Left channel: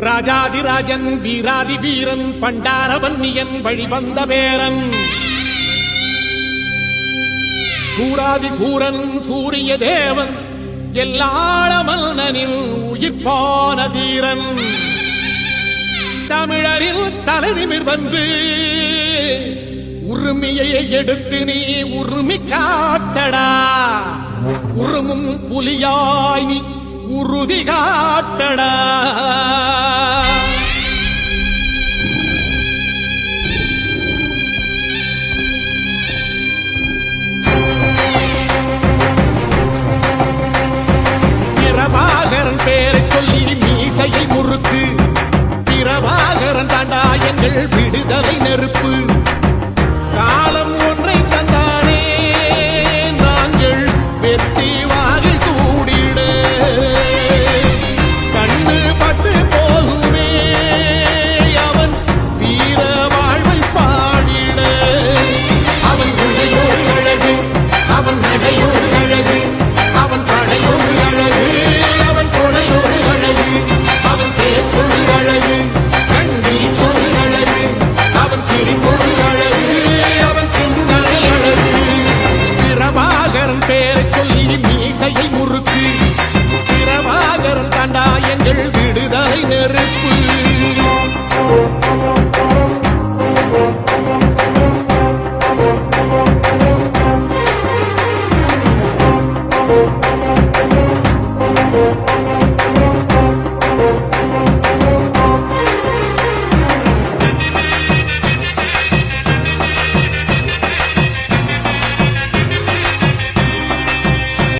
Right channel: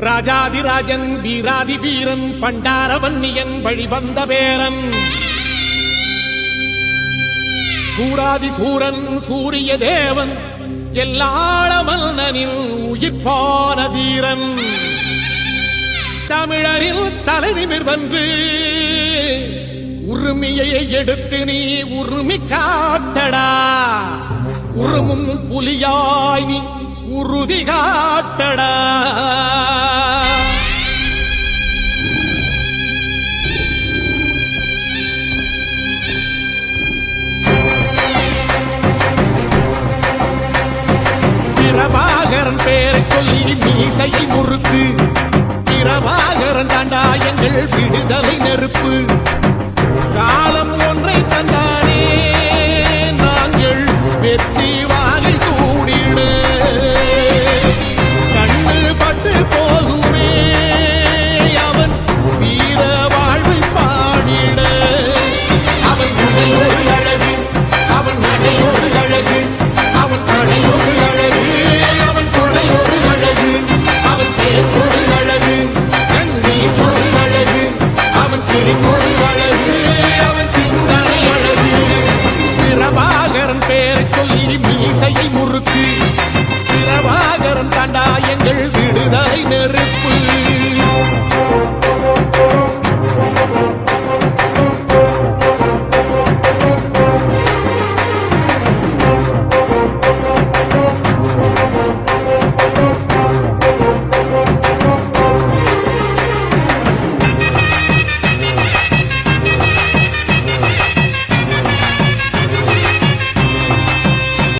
ராஜாதிராஜன் வீராதி வீரன் பண்டாரவன்னியன் வழிவந்த பேரன் சூராதி சூரன் சூரிய தேவன் எல்லாள மன்னனின் உயிர்ப்பான தீரன் தமிழரில் தலைநிமிர் வந்து உரிமையை எடுத்து நீ உரிமை காட்டடா உருமும் புலியாய் நீ உறுதி காட்டடா பிரபாகரன் பேரை சொல்லி மீசையை முறுக்கு பிரபாகரன் தாண்டா எங்கள் விடுதலை நெருப்பு காலம் ஒன்றை தந்தானே நாங்கள் வெற்றி வாகை சூடிட கண்ணு பட்டு போகுமே அவன் வீர வாழ்வை பாடிட அவன் குடை ஒரு அழகு அவன் நடை ஒரு அழகு அவன் படை ஒரு அழகு அவன் கொடை ஒரு அழகு அவன் பேச்சொரு அழகு கண் வீச்சொரு அழகு அவன் சிரிப்பொரு அழகு அவன் சிந்தனை அழகு பிரபாகரன் பேரை சொல்லி மீசையை முறுக்கு பிரபாகரன் தாண்டா எங்கள் விடுதலை நெருப்பு